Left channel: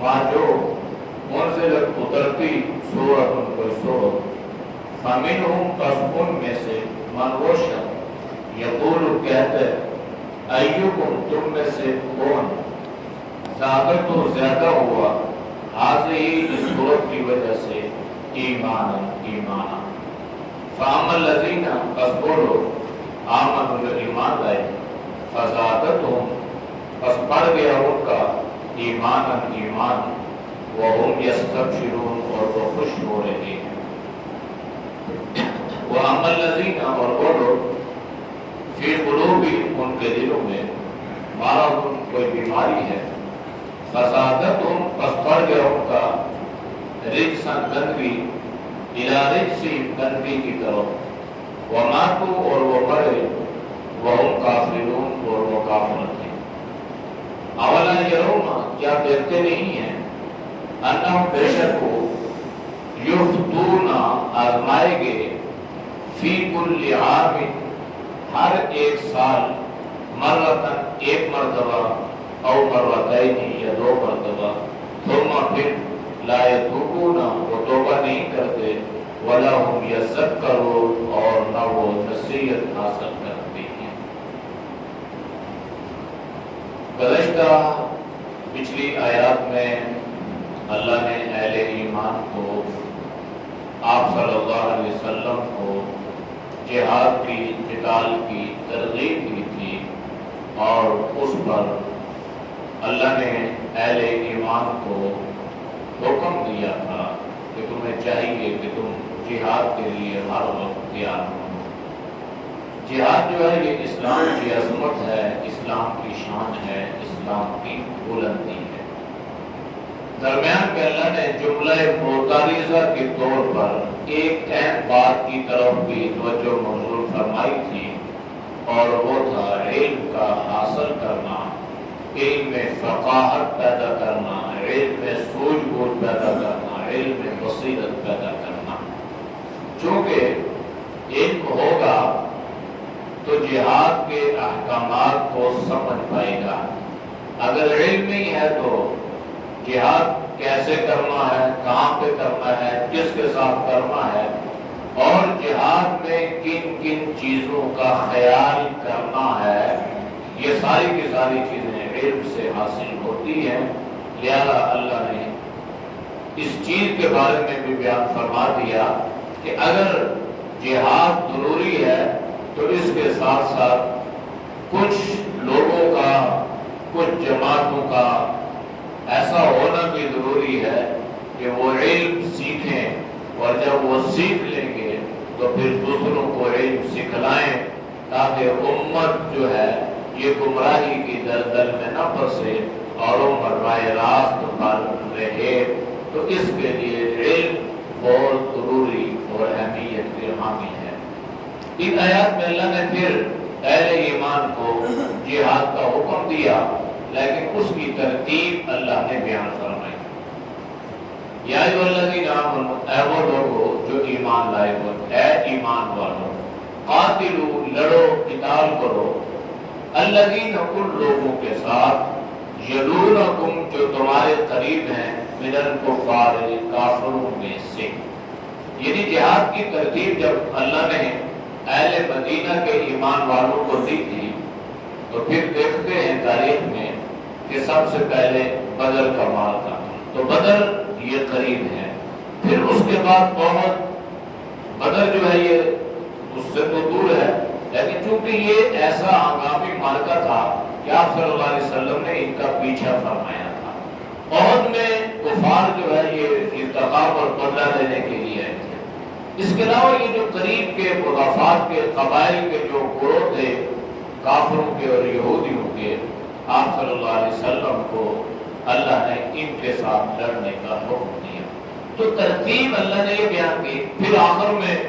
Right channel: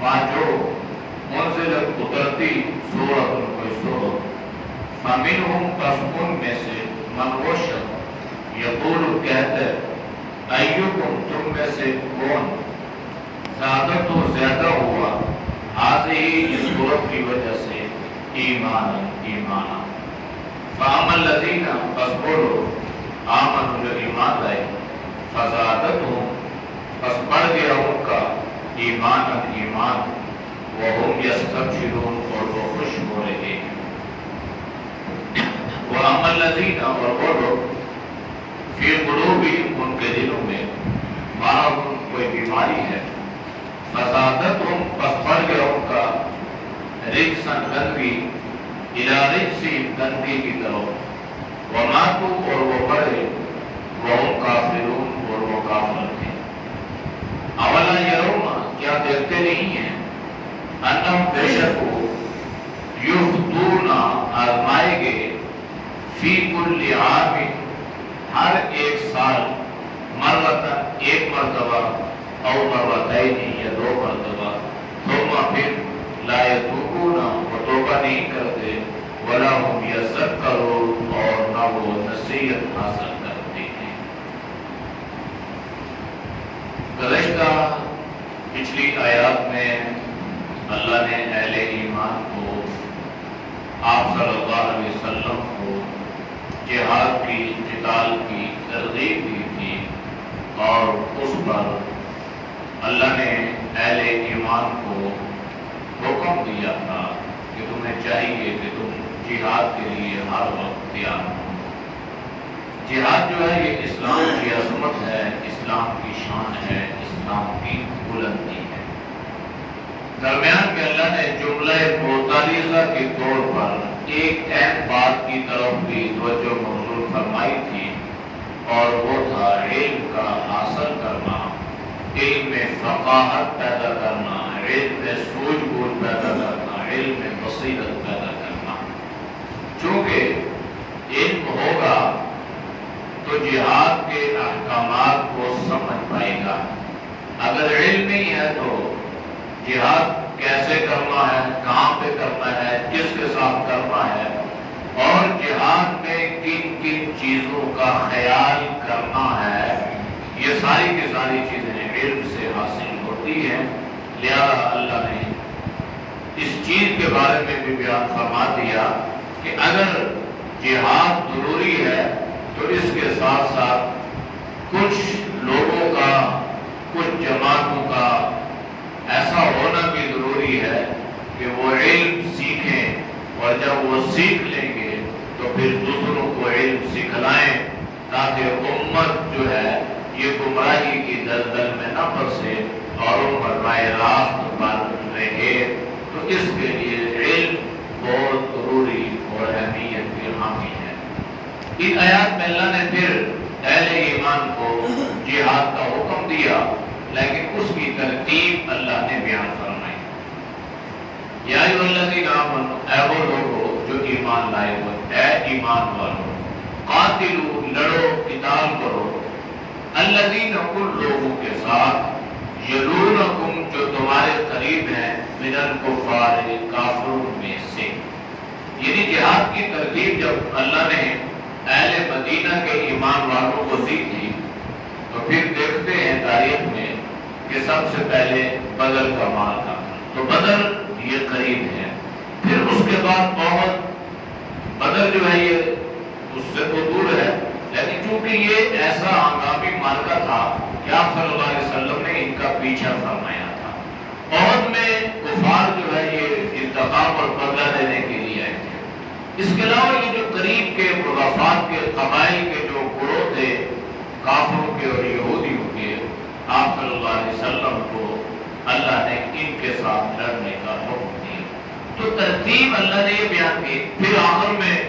ما جو منزلت اترتی سورت کوئی سورت فمنہم پس ان میں سے من وہ شخص یقول کہتے ایکم تم میں سے کون زیادہ تو زیادہ ہوا حاضی اس سورت کی وجہ سے ایمان فاما الذین پس بولو آمن جو ایمان لائے فزادتہم پس بڑھ گیا ان کا ایمان وہم یستبشرون اور وہ خوش ہو رہے ہیں وَأَمَّا الَّذِينَ اور وہ لوگ فِي قُلُوبِهِمْ ان کے دلوں میں مرض کوئی بیماری ہے فزادتہم پس بڑھ گیا ان کا رجساً گندگی اِلَى رِجْسِهِمْ گندگی کی طرف وَمَاتُوا اور وہ مرے وَهُمْ كَافِرُونَ اور وہ کافر تھے اولا یرون کیا دیکھتے نہیں ہیں انہم بے شک یفتون آزمائے گے فی کل عام ہر ایک سال مرتن ایک مرتبہ او مرتین یا دو مرتبہ ثم پھر لا یتوبون وہ توبہ نہیں کرتے ولا هم یذکرون اور نہ وہ نصیحت حاصل کرتے ہیں۔ گزشتہ پچھلی آیات میں اللہ نے اہل ایمان کو آپ صلی اللہ علیہ وسلم کو جہاد کی قتال کی ترغیب دی تھی اور اس پر اللہ نے اہل ایمان کو حکم دیا تھا کہ تمہیں چاہیے کہ تم جہاد کے لیے ہر وقت تیار ہو۔ جہاد جو ہے یہ اسلام کی عظمت ہے، اسلام کی شان ہے، اسلام کی بلندی ہے۔ درمیان میں اللہ نے جملہ متعارضہ کے طور پر ایک اہم بات کی طرف بھی توجہ مبذول فرمائی تھی اور وہ تھا علم کا حاصل کرنا، علم میں فقاہت پیدا کرنا، علم میں سوجھ بوجھ پیدا کرنا، علم میں بصیرت پیدا کرنا۔ چونکہ علم ہوگا تو جہاد کے احکامات کو سمجھ پائے گا، اگر علم نہیں ہے تو جہاد کیسے کرنا ہے، کہاں پہ کرنا ہے، کس کے ساتھ کرنا ہے اور جہاد میں کن کن چیزوں کا خیال کرنا ہے، یہ ساری کی ساری چیزیں علم سے حاصل ہوتی ہیں۔ لہذا اللہ نے اس چیز کے بارے میں بھی بیان فرما دیا کہ اگر جہاد ضروری ہے تو اس کے ساتھ ساتھ کچھ لوگوں کا، کچھ جماعتوں کا ایسا ہونا بھی ضروری ہے کہ وہ علم سیکھیں اور جب وہ سیکھ لیں گے تو پھر دوسروں کو علم سکھلائیں تاکہ امت جو ہے یہ گمراہی کی دلدل میں نہ پھنسے اور امت براہ راست پر رہے۔ تو اس کے لیے علم بہت ضروری اور اہمیت کی حامل ہے۔ ان آیات میں اللہ نے پھر اہل ایمان کو جہاد کا حکم دیا لیکن اس کی ترتیب اللہ نے بیان فرمائی۔ یا ایھا الذین آمنوا اے وہ لوگو جو ایمان لائے ہو، اے ایمان والو، قاتلوا لڑو، قتال کرو، الذین ان لوگوں کے ساتھ یلونکم جو تمہارے قریب ہیں، من الکفار کافروں میں سے۔ یعنی جہاد کی ترتیب جب اللہ نے اہل مدینہ کے ایمان والوں کو دی تھی تو پھر دیکھتے ہیں تاریخ میں کہ سب سے پہلے بدر کا معرکہ، تو بدر یہ قریب ہے، پھر اس کے بعد احد۔ بدر جو ہے یہ اس سے تو دور ہے لیکن چونکہ یہ ایسا ہنگامی معرکہ تھا کہ آپ صلی اللہ علیہ وسلم نے ان کا پیچھا فرمایا تھا۔ احد میں کفار جو ہے یہ انتقام اور بدلہ دینے کے لیے آئے تھے۔ اس کے علاوہ یہ جو قریب کے مضافات کے قبائل کے جو گروہ تھے کافروں کے اور یہودیوں کے، آپ صلی اللہ علیہ وسلم کو اللہ نے ان کے ساتھ لڑنے کا حکم دیا۔ تو ترتیب اللہ نے یہ بیان کی۔ پھر آخر میں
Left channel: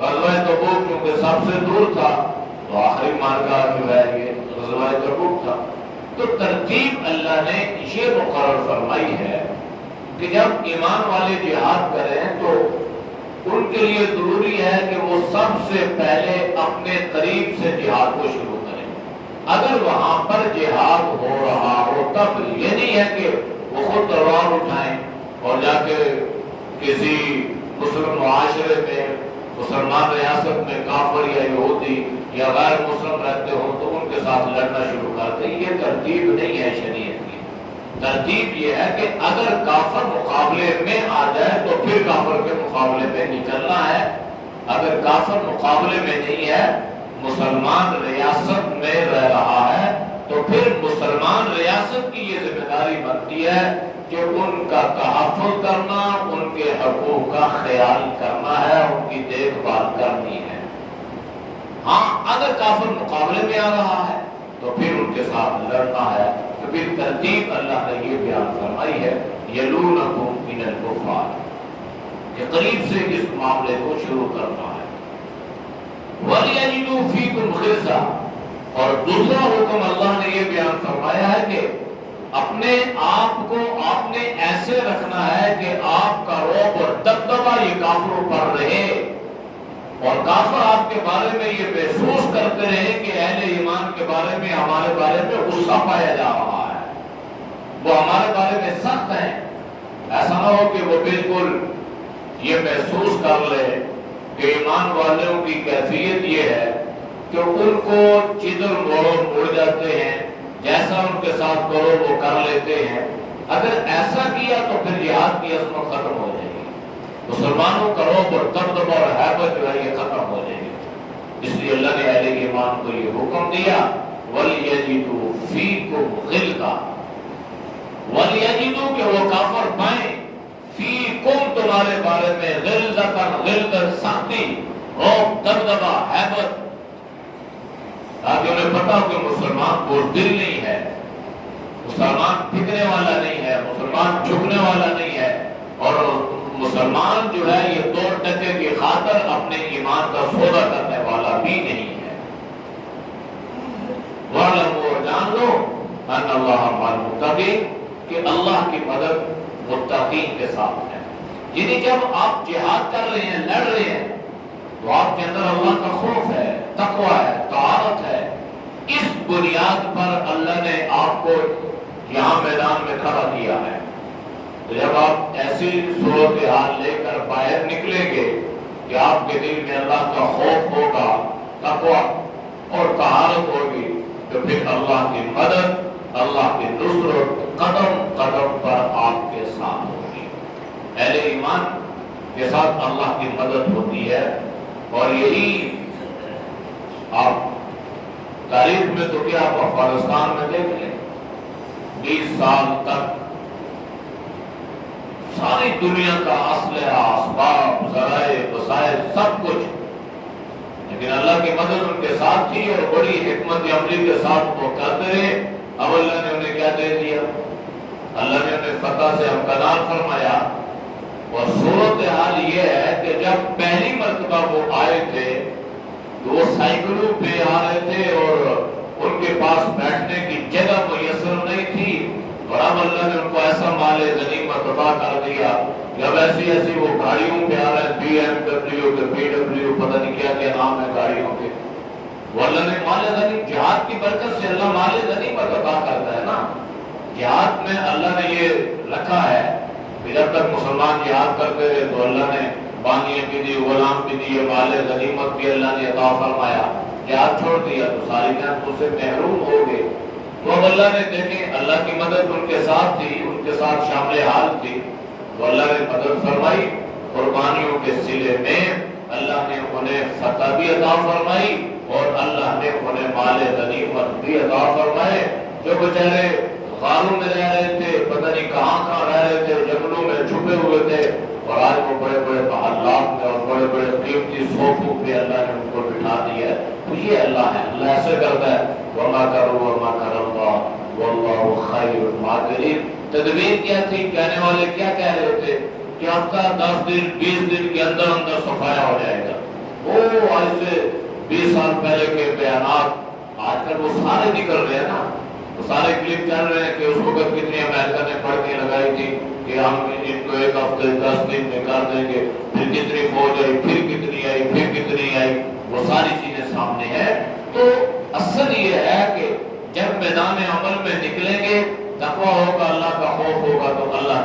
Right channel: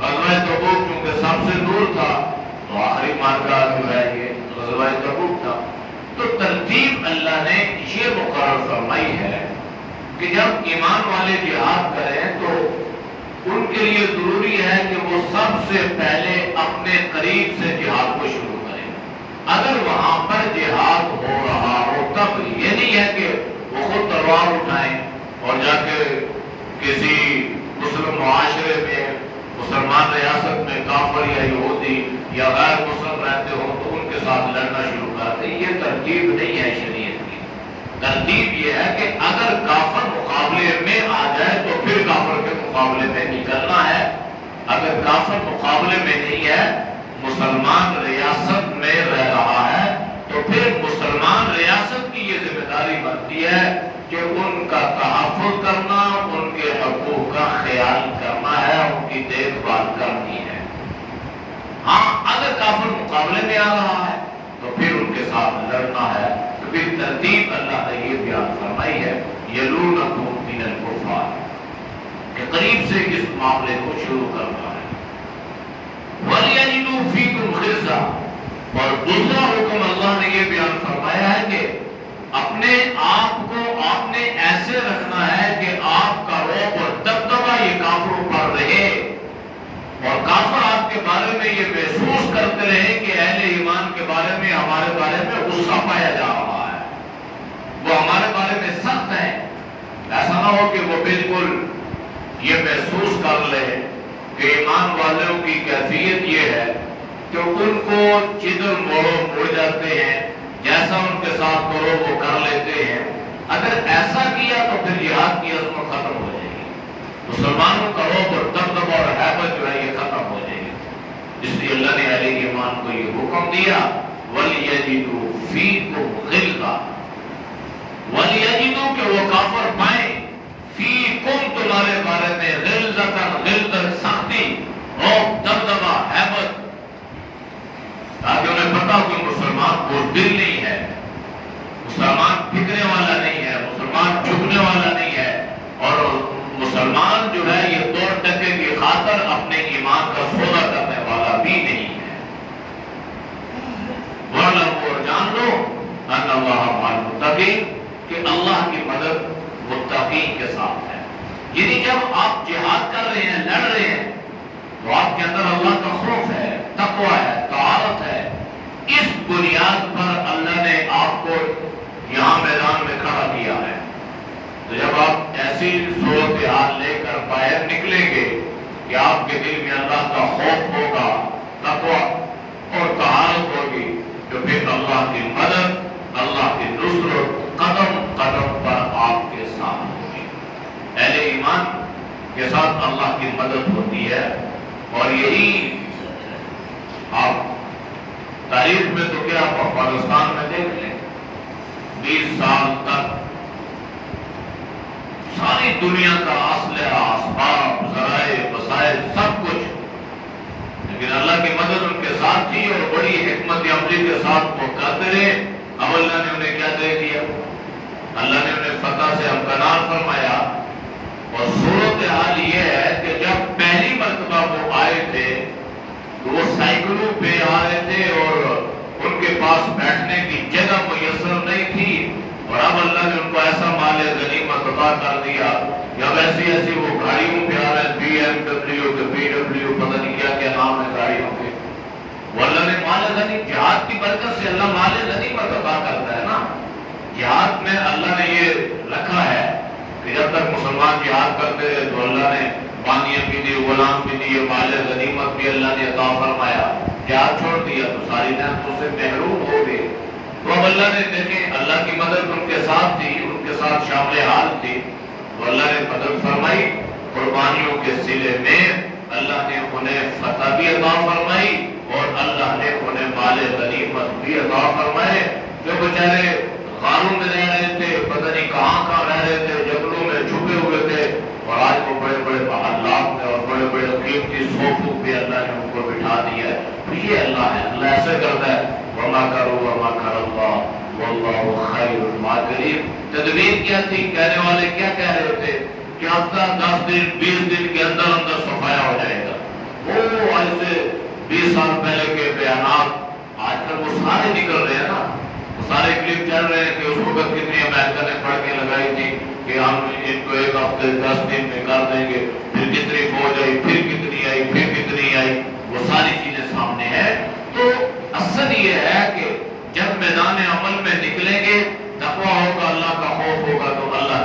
غزوہ تبوک کیونکہ سب سے دور تھا تو آخری معرکہ جو ہے یہ غزوہ تبوک تھا۔ تو ترتیب اللہ نے یہ مقرر فرمائی ہے کہ جب ایمان والے جہاد کریں تو ان کے لیے ضروری ہے کہ وہ سب سے پہلے اپنے قریب سے جہاد کو شروع کریں۔ اگر وہاں پر جہاد ہو رہا ہو تب یہ نہیں ہے کہ وہ خود تلوار اٹھائیں اور جا کے کسی مسلم معاشرے میں، مسلمان ریاست میں کافر یا یہودی یا غیر مسلم رہتے ہوں تو ان کے ساتھ لڑنا شروع کر دیں. یہ ترتیب نہیں ہے شریعت کی. ترتیب یہ ہے کہ اگر کافر مقابلے میں آ جائے تو پھر کافر کے مقابلے میں نکلنا ہے. اگر کافر مقابلے میں نہیں ہے، مسلمان ریاست میں رہ رہا ہے، تو پھر مسلمان ریاست کی یہ ذمہ داری بنتی ہے کہ ان کا تحفظ کرنا، ان کے حقوق کا خیال کرنا ہے، ان کی دیکھ بھال کرنی ہے. ہاں اگر کافر مقابلے میں آ رہا ہے تو پھر ان کے ساتھ لڑنا ہے. تو پھر ترتیب اللہ نے یہ بیان فرمائی ہے یلونکم من الکفار، کہ قریب سے اس معاملے کو شروع کرنا ہے. وَلْيَجِدُوا فِيكُمْ غِلْظَةً، اور دوسرا حکم اللہ نے یہ بیان فرمایا ہے کہ اپنے آپ کو آپ نے ایسے رکھنا ہے کہ آپ کا رعب اور دبدبہ یہ کافروں پر رہے، اور کافر آپ کے بارے میں یہ محسوس کرتے رہے کہ اہل ایمان کے بارے میں ہمارے بارے میں غصہ پایا جا رہا ہے، وہ ہمارے بارے میں سخت ہے. ایسا نہ ہو کہ وہ بالکل یہ محسوس کر لے کہ ایمان والوں کی کیفیت یہ ہے کہ ان کو جدھر موڑو مڑ جاتے ہیں، جیسا ان کے ساتھ کرو وہ کر لیتے ہیں. اگر ایسا کیا تو پھر جہاد کی عظمت ختم ہو جائے گی، مسلمانوں کا رعب اور دبدبہ اور ہیبت جو ہے یہ ختم ہو جائے گی. اس لیے اللہ نے اہل ایمان کو یہ حکم دیا وَلْيَجِدُوا فِيكُمْ غِلْظَةً، وَلْيَجِدُوا کہ وہ کافر پائیں فیکم تمہارے بارے میں غلظۃ سختی، رعب، دبدبہ، ہیبت، تاکہ انہیں پتا ہو کہ مسلمان بزدل نہیں ہے، مسلمان پھکنے والا نہیں ہے، مسلمان جھکنے والا نہیں ہے، اور مسلمان جو ہے یہ 2 ٹکے کی خاطر اپنے ایمان کا سودا کرنے والا بھی نہیں ہے. وَاعْلَمُوا، اور جان لو ان اللہ مع المتقین، کہ اللہ کی مدد متقین کے ساتھ ہے. یعنی جب آپ جہاد کر رہے ہیں، لڑ رہے ہیں، تو آپ کے اندر اللہ کا خوف ہے، تقوی ہے، طاعت ہے. اس بنیاد پر اللہ نے آپ کو یہاں میدان میں کھڑا کیا ہے. تو جب آپ ایسی صورتحال لے کر باہر نکلیں گے کہ آپ کے دل میں اللہ کا خوف ہوگا، تقوی اور طاعت ہوگی، تو پھر اللہ کی مدد، اللہ کی نصرت قدم قدم پر آپ کے ساتھ ہوگی. اہل ایمان کے ساتھ اللہ کی مدد ہوتی ہے. اور یہی آپ تاریخ میں تو کیا آپ افغانستان میں دیکھ لیں، 20 سال تک ساری دنیا کا اسلحہ، اسباب، ذرائع، وسائل، سب کچھ، لیکن اللہ کی مدد ان کے ساتھ تھی اور بڑی حکمت عملی کے ساتھ وہ کرتے رہے. اب اللہ نے انہیں کیا دے دیا؟ اللہ نے انہیں فتح سے ہمکنار فرمایا. اور صورتحال یہ ہے کہ جب پہلی مرتبہ وہ آئے تھے تو وہ سائیکلوں پہ آ رہے تھے اور ان کے پاس بیٹھنے کی جگہ میسر نہیں تھی، اور اب اللہ نے ان کو ایسا مال غنیمت عطا کر دیا. جب ایسی وہ گاڑیوں پہ آ رہے ہیں، BMW کے PW، پتہ نہیں کیا کیا نام ہے گاڑیوں کے، وہ اللہ نے مال غنیمت، جہاد کی برکت سے اللہ مال غنیمت عطا کرتا ہے نا. جہاد میں اللہ نے یہ رکھا ہے کہ جب تک مسلمان جہاد کرتے رہے تو اللہ نے بانیاں بھی دی، غلام بھی دی، مال غنیمت بھی اللہ نے عطا فرمایا. جہاد چھوڑ دیا تو ساری نعمتوں سے محروم ہو گئے. تو اب اللہ نے دیکھیں اللہ کی مدد ان کے ساتھ تھی، ان کے ساتھ شامل حال تھی، تو اللہ نے مدد فرمائی. قربانیوں کے سلے میں اللہ نے انہیں فتح بھی عطا فرمائی اور اللہ نے انہیں مال غنیمت بھی عطا فرمائے. جو بیچارے غاروں میں رہ رہے تھے، پتہ نہیں کہاں رہ رہے تھے، جنگلوں میں چھپے ہوئے تھے، اور آج وہ بڑے بڑے محلات میں اور بڑے بڑے قیمتی صوفوں پہ اللہ نے ان کو بٹھا دیا ہے. تو یہ اللہ ہے، اللہ ایسے کرتا ہے. وَمَا كَرُوا وَمَا كَرَ اللَّهُ وَاللَّهُ خَيْرُ الْمَاكِرِينَ. تدبیر کیا تھی؟ کہنے والے کیا کہہ رہے تھے کہ ہفتہ 10 دن 20 دن کے اندر اندر صفایا ہو جائے گا. وہ آج سے 20 سال پہلے کے بیانات آج کل وہ سارے نکل رہے ہیں نا، وہ سارے کلپ چل رہے ہیں کہ اس وقت کتنی امریکہ نے پڑھ کے لگائی تھی کہ ہم ان کو 1 ہفتے 10 دن میں کر دیں گے، پھر کتنی فوج آئی، پھر کتنی آئی، پھر کتنی آئی، وہ ساری چیزیں سامنے ہیں. تو اصل یہ ہے کہ جب میدان عمل میں نکلیں گے، تقویٰ ہوگا، اللہ کا خوف ہوگا، تو اللہ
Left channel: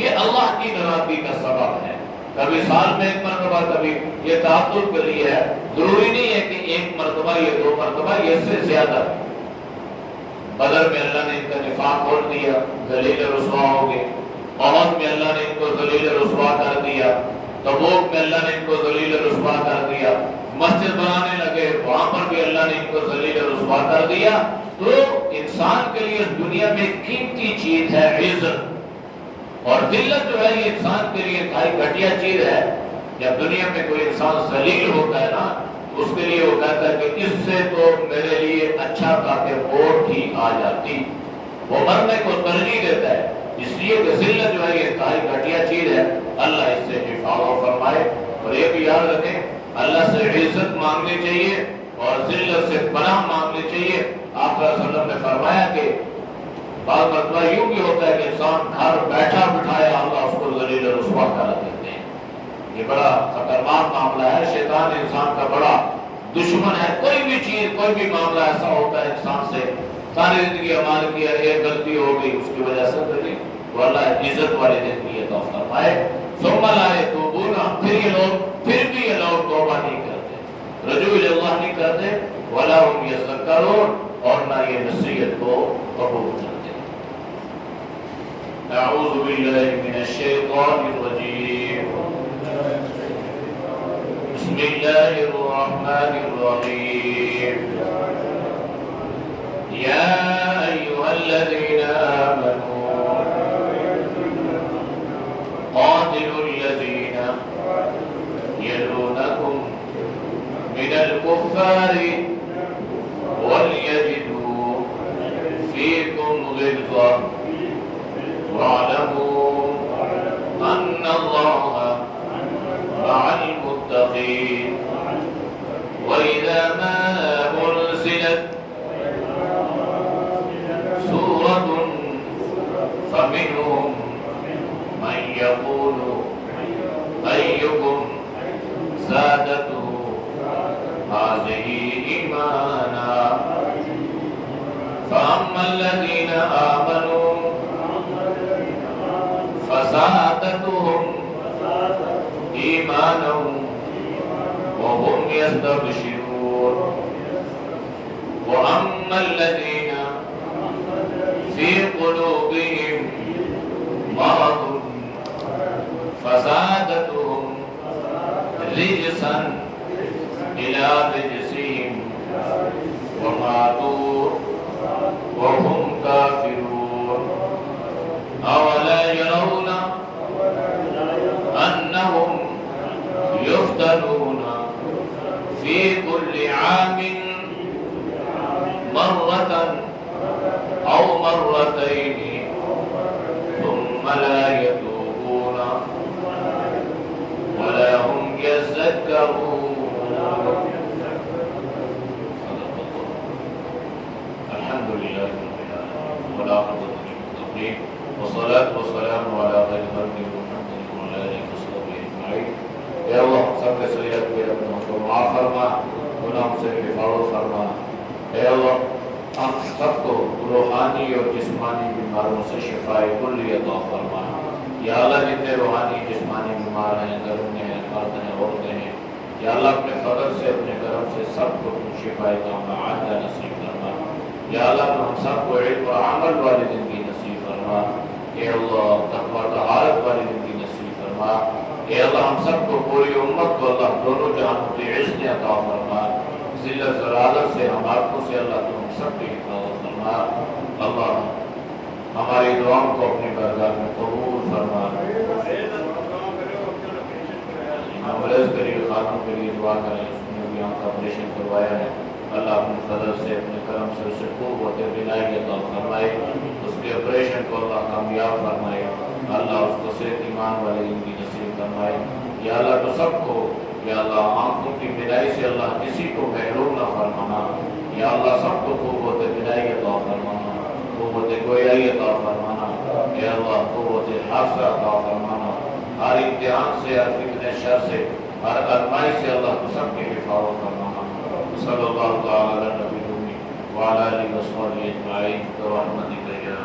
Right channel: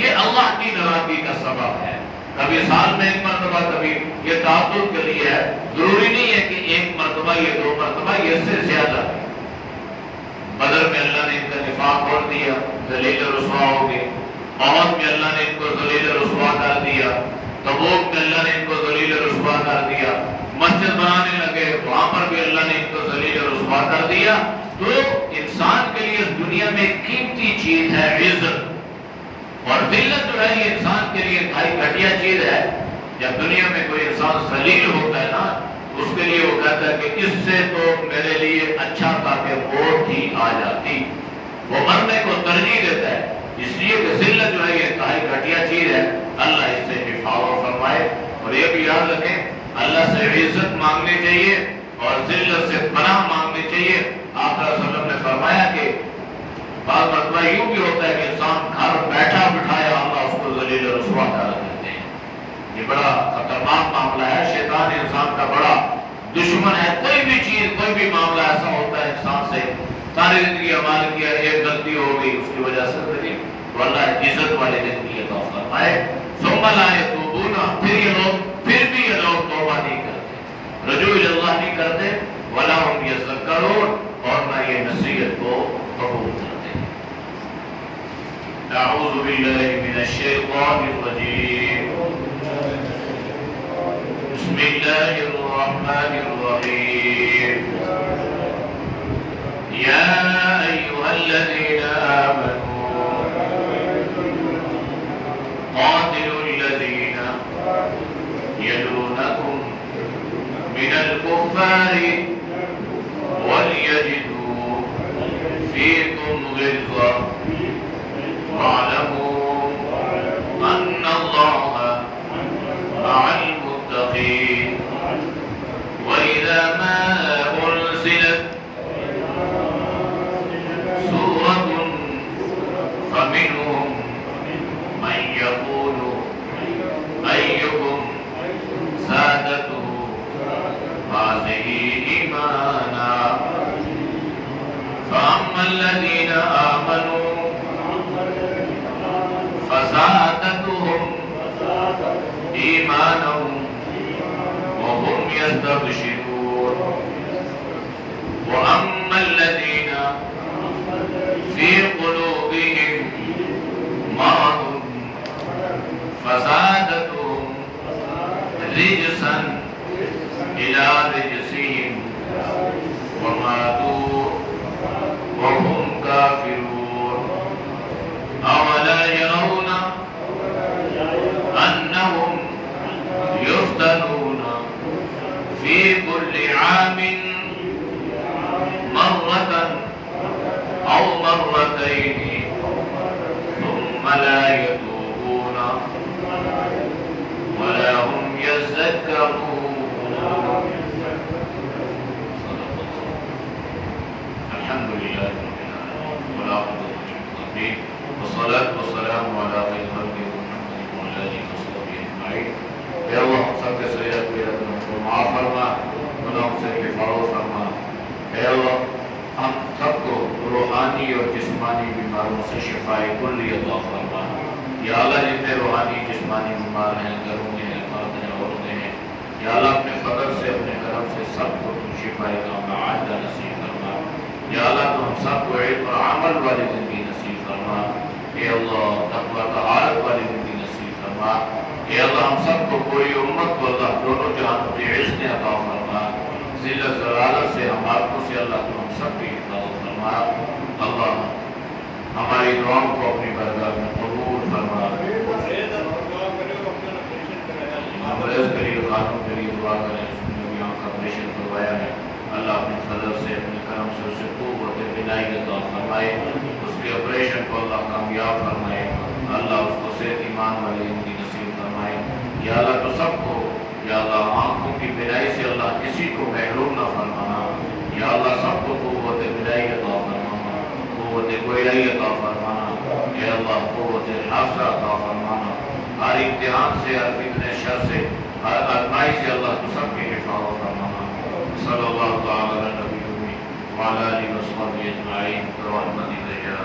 یہ اللہ کی ناراضگی کا سبب ہے. کبھی سال میں ایک مرتبہ، کبھی یہ تعبد کے لیے ہے. ضروری نہیں ہے کہ ایک مرتبہ یا 2 مرتبہ، یہ اس سے زیادہ. بدر میں اللہ نے ان کا نفاق کھول دیا، ذلیل رسوا ہو گئے. احد میں اللہ نے ان کو ذلیل رسوا کر دیا. تبوک میں اللہ نے ان کو ذلیل رسوا کر دیا. مسجد بنانے لگے، وہاں پر بھی اللہ نے ان کو ذلیل رسوا کر دیا. تو انسان کے لیے اس دنیا میں قیمتی چیز ہے عزت، اور ذلت جو ہے یہ انسان کے لیے انتہائی گھٹیا چیز ہے. جب دنیا میں کوئی انسان ذلیل ہوتا ہے نا، اس کے لیے وہ کہتا ہے کہ اس سے تو میرے لیے اچھا تھا کہ موت ہی آ جاتی. وہ مرنے کو ترجیح دیتا ہے، اس لیے کہ ذلت جو ہے یہ انتہائی گھٹیا چیز ہے. اللہ اس سے حفاظت فرمائے. اور یہ بھی یاد رکھیں، اللہ سے عزت مانگنی چاہیے اور ذلت سے پناہ مانگنی چاہیے. آپ صلی اللہ علیہ وسلم نے فرمایا کہ بعض مرتبہ یوں بھی ہوتا ہے کہ انسان گھر بیٹھا بٹھایا اللہ اس کو ذلیل رسوا کر دیتے ہیں. یہ بڑا خطرناک معاملہ ہے. شیطان انسان کا بڑا دشمن ہے. کوئی بھی چیز، کوئی بھی معاملہ ایسا ہوتا ہے انسان سے ساری زندگی عمل کیا، ایک غلطی ہو گئی اس کی وجہ سے تو اللہ عزت والی زندگی عطا فرمائے. ثم لا يتوبون، پھر بھی یہ لوگ توبہ نہیں کرتے، رجوع الی اللہ نہیں کرتے. ولا هم يذکرون، اور نہ یہ نصیحت کو قبول کرتے. اعوذ باللہ من الشیطان الرجیم. بسم اللہ الرحمن الرحیم. یا ایھا الذین آمنوا قاتلوا الذین یلونکم من الکفار وَلْيَجِدُوا فِيكُمْ غِلْظَةً وَاعْلَمُوا أَنَّ اللَّهَ مَعَ الْمُتَّقِينَ. وَإِذَا مَا أُنْزِلَتْ سُورَةٌ فَمِنْهُمْ مَنْ يَقُولُ أَيُّكُمْ زَادَتْهُ هذه إيمانا. فأما الذين آمنوا فزادتهم إيمانا وهم يستبشرون. وأما الذين في قلوبهم مرض فزادتهم رجسا إلى رجسهم وماتوا وهم كافرون. أولا يرون أنهم يفتنون في كل عام مرة أو مرتين ثم لا يتوبون ولا هم يذكرون. والصلاة والسلام على خير خلق محمد وعلى آله وصحبه أجمعين. اے اللہ ہم سب کے سیئات کو معاف فرما، گناہوں سے حفاظت فرما. اے اللہ ہم سب کو روحانی اور جسمانی بیماروں سے شفائے کلی عطا فرما. یا اللہ جتنے روحانی جسمانی بیمار ہیں، گھروں میں ہیں، مرد ہیں، عورتیں ہیں، یا اللہ اپنے فضل سے، اپنے کرم سے سب کو شفائے کاملہ عاجلہ نصیب فرما. یا اللہ تو ہم سب کو علم اور عمل والی زندگی نصیب فرما. اے اللہ تقویٰ طہارت والی زندگی نصیب فرما. اے اللہ ہم سب کو پوری امت کو اللہ دونوں جہانوں کی عزت عطا فرما. ذلت ضلالت سے، ہماروں سے اللہ تو ہم سب کی حفاظت فرما. اللہ ہماری دعاؤں کو اپنی بارگاہ میں قبول فرما. مریض کے لیے، خاتون کے لیے دعا کریں. اس نے بھی آنکھ کا آپریشن کروایا ہے، اللہ اپنے فضل سے، اپنے کرم سے اسے قوت بینائی عطا فرمائے. اس کے آپریشن کو اللہ کامیاب فرمائے. اللہ اس کو صحت ایمان والی زندگی نصیب فرمائے. یا اللہ تو سب کو، یا اللہ آنکھوں کی بینائی سے اللہ کسی کو محروم نہ فرمانا. یا اللہ سب کو قوت بینائی عطا فرمانا، قوت گویائی عطا فرمانا. یا اللہ قوت حافظہ عطا فرمانا. ہر امتحان سے، ہر فتنہ شر سے، ہر آزمائش سے اللہ تو سب کی حفاظت فرمانا. صلی اللہ تعالی علی نبی وعلی آلہ وصحبہ اجمعین برحمتک یا